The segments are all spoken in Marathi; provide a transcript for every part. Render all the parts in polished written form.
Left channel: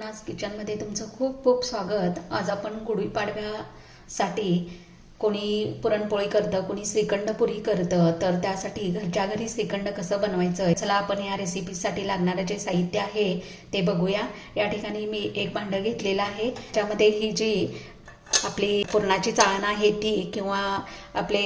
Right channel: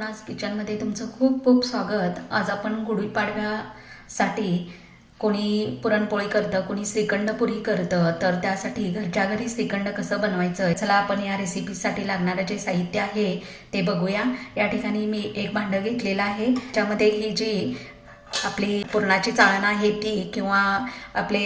अन्नपूर्णाज किचनमध्ये तुमचं खूप खूप स्वागत। आज आपण गुढीपाडव्यासाठी कोणी पुरणपोळी करतं, कोणी श्रीखंडपुरी करतं, तर त्यासाठी घरच्या घरी श्रीखंड कसं बनवायचं, चला आपण या रेसिपीसाठी लागणारं जे साहित्य आहे ते बघूया। या ठिकाणी मी एक भांडं घेतलेलं आहे, त्यामध्ये ही जी आपली पुरणाची चाळण आहे ती किंवा आपले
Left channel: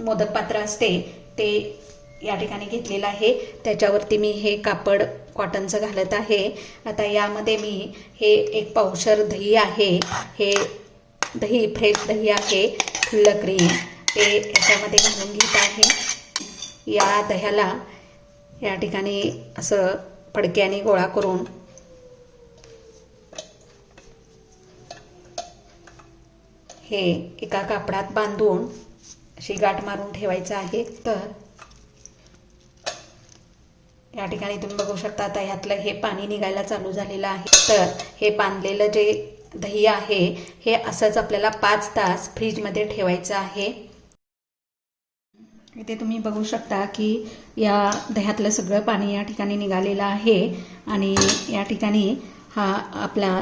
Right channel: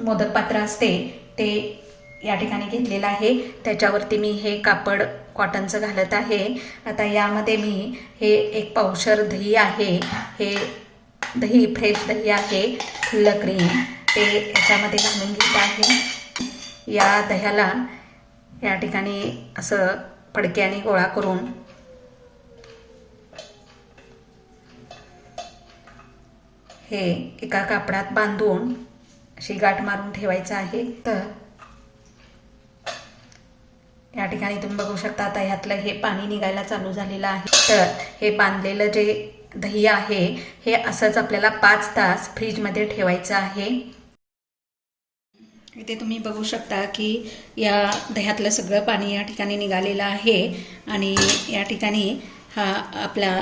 मोदक पात्र असते ते या ठिकाणी घेतलेलं आहे। त्याच्यावरती मी हे कापड कॉटनचं घालत आहे। आता यामध्ये मी हे एक पावशर दही आहे, हे दही फ्रेश दही आहे, खुल्लं क्रीम ते याच्यामध्ये घालून घेत आहे। या दह्याला या ठिकाणी असं फडक्याने गोळा करून हे एका कापडात बांधून अशी गाठ मारून ठेवायचं आहे। तर या ठिकाणी तुम्ही बघू शकता आता ह्यातलं हे पाणी निघायला चालू झालेलं आहे। तर हे बांधलेलं जे दही आहे हे असंच आपल्याला 5 तास फ्रीजमध्ये ठेवायचं आहे। इथे तुम्ही बघू शकता की या दह्यातलं सगळं पाणी या ठिकाणी निघालेलं आहे आणि या ठिकाणी हा आपला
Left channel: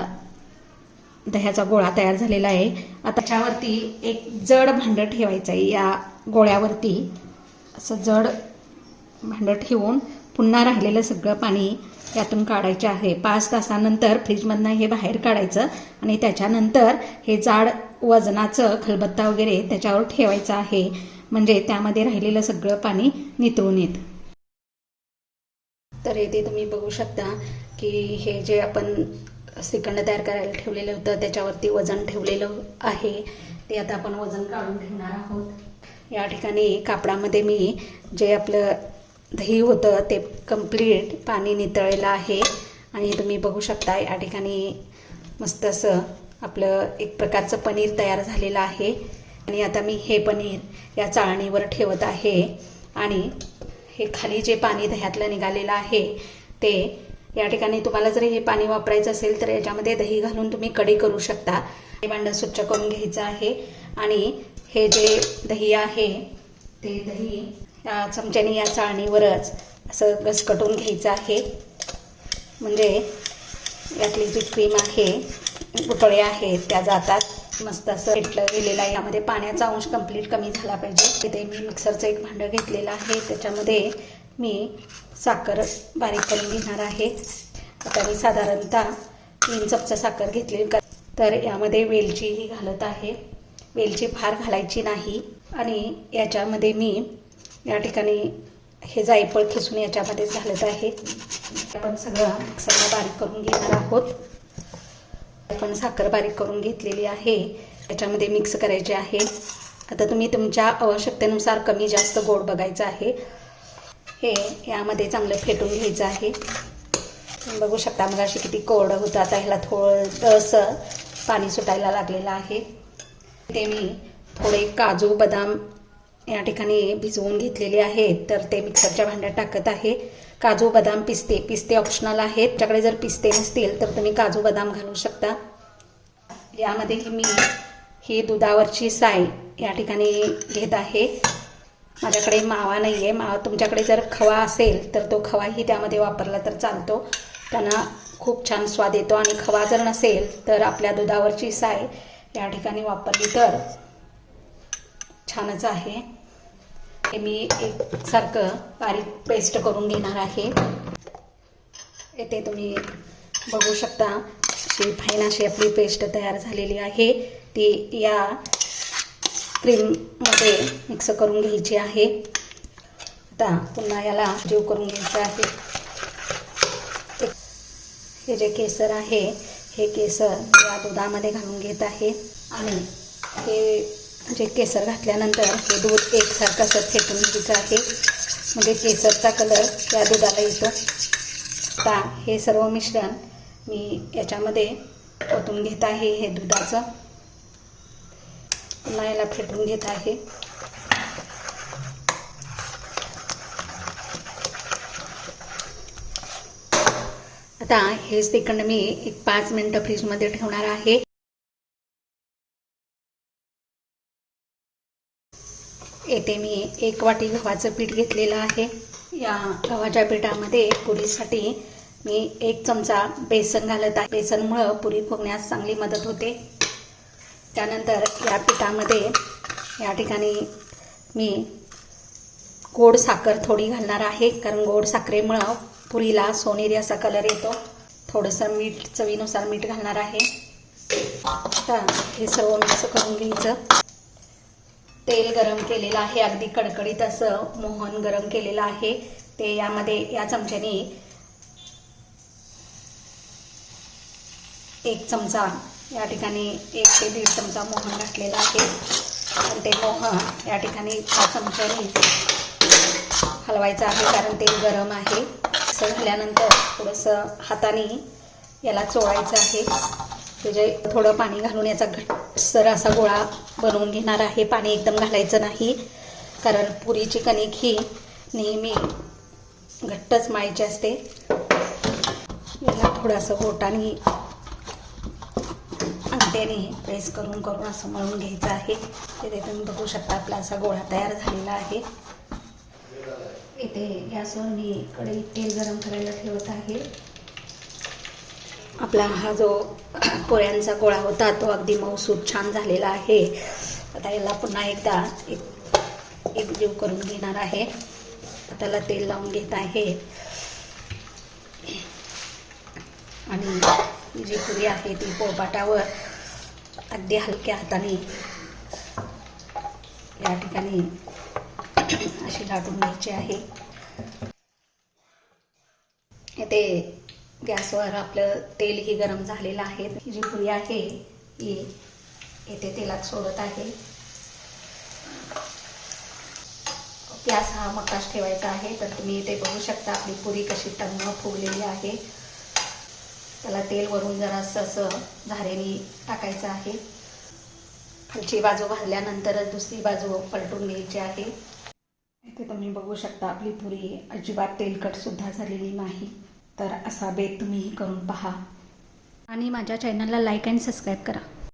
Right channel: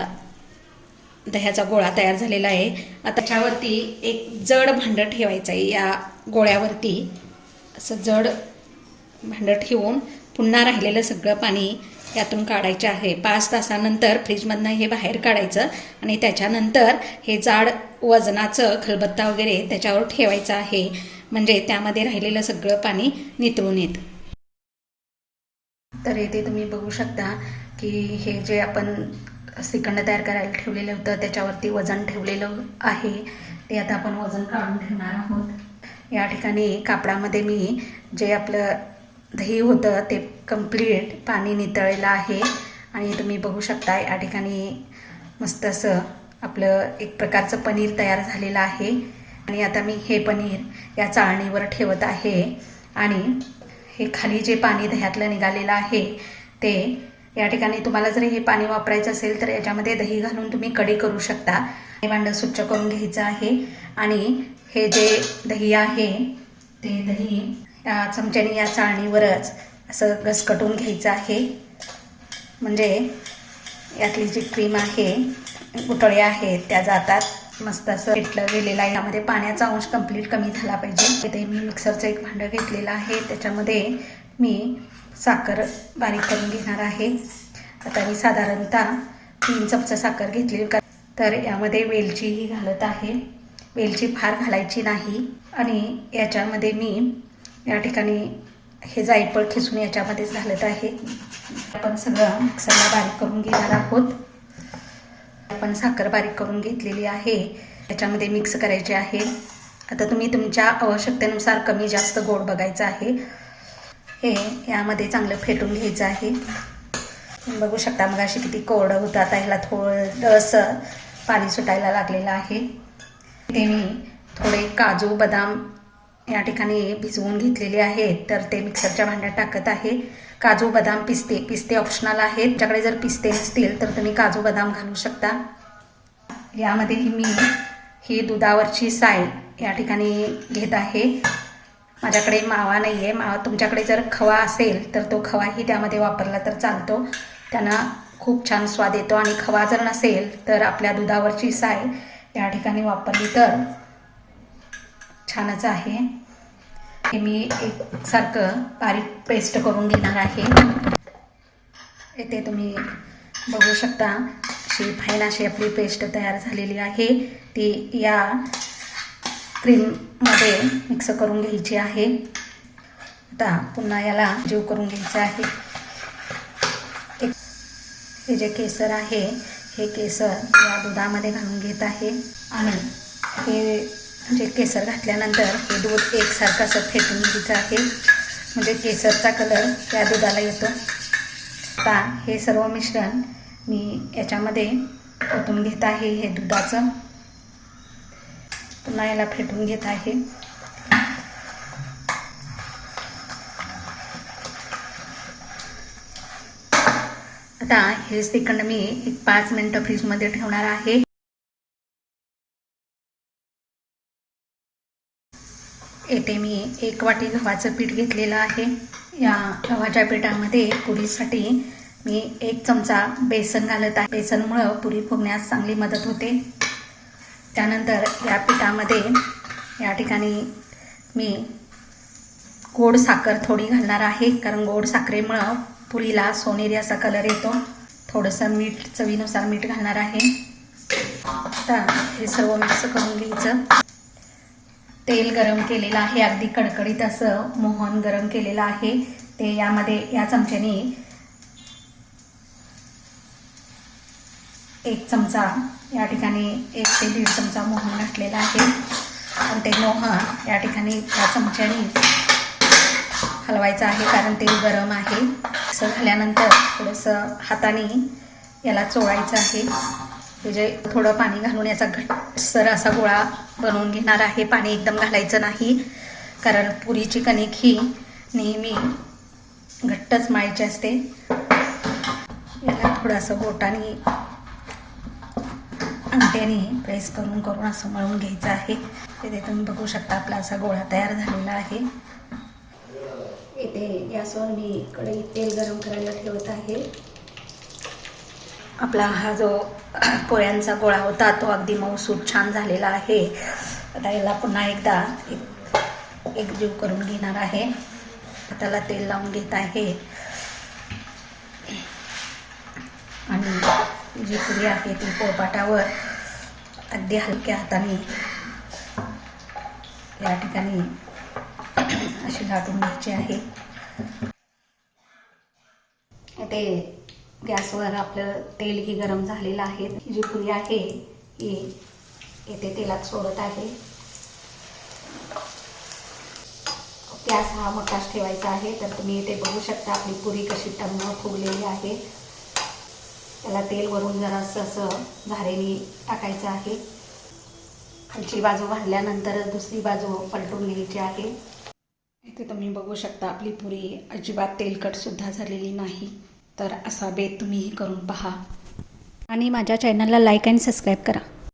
दह्याचा गोळा तयार झालेला आहे। आता त्याच्यावरती एक जड भांडं ठेवायचं आहे। या गोळ्यावरती असं जड भांडं ठेवून पुन्हा राहिलेलं सगळं पाणी यातून काढायचं आहे। 5 तासानंतर फ्रीजमधनं हे बाहेर काढायचं आणि त्याच्यानंतर हे जाड वजनाचं खलबत्ता वगैरे त्याच्यावर ठेवायचं आहे, म्हणजे त्यामध्ये राहिलेलं सगळं पाणी नितळून येतं। तर इथे तुम्ही बघू शकता की हे जे आपण श्रीखंड तयार करायला ठेवलेलं होतं त्याच्यावरती वजन ठेवलेलं आहे, ते आता आपण वजन काढून ठेवणार आहोत। या ठिकाणी कापडामध्ये मी जे आपलं दही होतं ते कंप्लीट पाणी नितळलेलं आहे आणि तुम्ही बघू शकता या ठिकाणी मस्त असं आपलं एक प्रकारचं पनीर तयार झालेलं आहे। आणि आता मी हे पनीर या चाळणीवर ठेवत आहे आणि हे खाली जे पाणी दह्यातलं निघालेलं आहे ते या ठिकाणी तुम्हाला जर हे पाणी वापरायचं असेल तर याच्यामध्ये दही घालून तुम्ही कढी करू शकता। हे भांडं स्वच्छ करून घ्यायचं आहे आणि हे जे दही आहे ते दही या चमच्याने या चाळणीवरच असं घसकटून घ्यायचं आहे, म्हणजे यातली जी क्रीम आहे गुठळ्या आहेत त्या जातात। मस्त असं पेटलं गेलेलं आहे, यामध्ये पाण्याचा अंश कंप्लीट कमी झाला पाहिजे। इथे मी मिक्सरचं एक भांडं घेतलेलं आहे, त्याच्यामध्ये मी साखर बारीक करून घेणार आहे। आता मी साधारणतः 3 चमचा साखर घेतली, तर यामध्ये वेलचीही घालत आहे। वेलची फार घालायची नाही आणि याच्यामध्ये मी या ठिकाणी हे जायफळ खिसून याच्यामध्येच घालत आहे। आपण सगळं मिक्सरला बारीक करून घेणार आहोत। आपण साखर बारीक करून घेतलेली आहे, याच्यामध्ये मिक्स करायचे आहे। आता तुम्ही तुमच्या आवश्यकतेनुसार कमी जास्त गोड बघायचं आहे। हे यामध्ये चांगलं फेटून घ्यायचं आहे। तुम्ही बघू शकता मग अशी किती कोरडं होतं, आता ह्याला थोडंसं पाणी सुटायला लागलेलं आहे। ते मी थोडे काजू बदाम या ठिकाणी भिजवून घेतलेले आहेत, तर ते मिक्सरच्या भांड्यात टाकत आहे। काजू बदाम पिस्ते ऑप्शनल आहेत, तुमच्याकडे जर पिस्ते नसतील तर तुम्ही काजू बदाम घालू शकता। यामध्ये मी ही दुधावरची साय या ठिकाणी घेत आहे। माझ्याकडे मावा नाही आहे, मावा तुमच्याकडे जर खवा असेल तर तो खवाही त्यामध्ये वापरला तर चालतो, त्यांना खूप छान स्वाद येतो। आणि खवा जर नसेल तर आपल्या दुधावरची साय या ठिकाणी वापरली तर छानच आहे। हे मी एकसारखं बारीक पेस्ट करून घेणार आहे। इथे तुम्ही बघू शकता अशी फाईन अशी आपली पेस्ट तयार झालेली आहे, ती या क्रीममध्ये मिक्स करून घ्यायची आहे। आता पुन्हा याला जीव करून घ्यायचं आहे। हे जे केसर आहे हे केसर या दुधामध्ये घालून घेत आहे आणि हे जे केसर घातल्यानंतर हे दूध एकसारखं असं फेटून घ्यायचं आहे, म्हणजे केसरचा कलर या दुधाला येतो। आता हे सर्व मिश्रण मी याच्यामध्ये ओतून घेत आहे, हे दुधाचं पुन्हा याला फेटून घेत आहे। आता हे श्रीखंड मी 5 मिनिटं फ्रीजमध्ये ठेवणार आहे। येथे मी 1 वाटी गव्हाचं पीठ घेतलेलं आहे। या गव्हाच्या पिठामध्ये पुरीसाठी मी 1 चमचा बेसन घालत आहे. बेसनमुळं पुरी फुगण्यास चांगली मदत होते. त्यानंतर या पिठामध्ये या ठिकाणी मी गोड साखर थोडी घालणार आहे, कारण गोड साखरेमुळं पुरीला सोनेरी असा कलर येतो. थोडंसं मीठ, चवीनुसार मीठ घालणार आहे. आता हे सर्व मिक्स करून घ्यायचं. तेल गरम केलेलं आहे, अगदी कडकडीत असं मोहन गरम केलेलं आहे. ते यामध्ये या चमच्याने 1 चमचा या ठिकाणी 1 ते 1.5 चमचा मोहन घातलेला आहे. आणि ते मोहन या ठिकाणी या चमच्याने हलवायचं आहे, कारण तेल गरम आहे. असं झाल्यानंतर थोडंसं हाताने याला चोळायचं आहे. हे जे थोडं पाणी घालून याचा घट्टसर असा गोळा बनवून घेणार आहे. पाणी एकदम घालायचं नाही, कारण पुरीची कणिक ही नेहमी घट्टच मळायची असते. याला थोडंसं बोटाने अंगठ्याने प्रेस करून करून असं मळून घ्यायचं आहे. इथे तुम्ही बघू शकता आपला असा गोळा तयार झालेला आहे. इथे गॅसवर मी कढईत तेल गरम करायला ठेवत आहे. आपला हा जो पोळ्यांचा गोळा होता तो अगदी मऊसूत छान झालेला आहे. आता याला पुन्हा एकदा एकजीव करून घेणार आहे. त्याला तेल लावून घेत आहे आणि जी पुरी आहे ती पोळपाटावर अगदी हलक्या हाताने या ठिकाणी अशी लाटून घ्यायची आहे. इथे गॅसवर आपलं तेलही गरम झालेलं आहे. जी पुरी आहे ही येथे तेलात सोडत आहे. गॅस हा मोठाच ठेवायचा आहे. तर तुम्ही इथे बघू शकता आपली पुरी कशी टम्म फुगलेली आहे. त्याला तेल वरून जरासं असं झारेने टाकायचं आहे. खालची बाजू भाजल्यानंतर दुसरी बाजू पलटून घ्यायची आहे. इथे तुम्ही बघू शकता आपली पुरी अजिबात तेलकट सुद्धा झालेली नाही. तर असा बेत तुम्हीही करून पहा आणि माझ्या चॅनलला लाईक आणि सबस्क्राईब करा.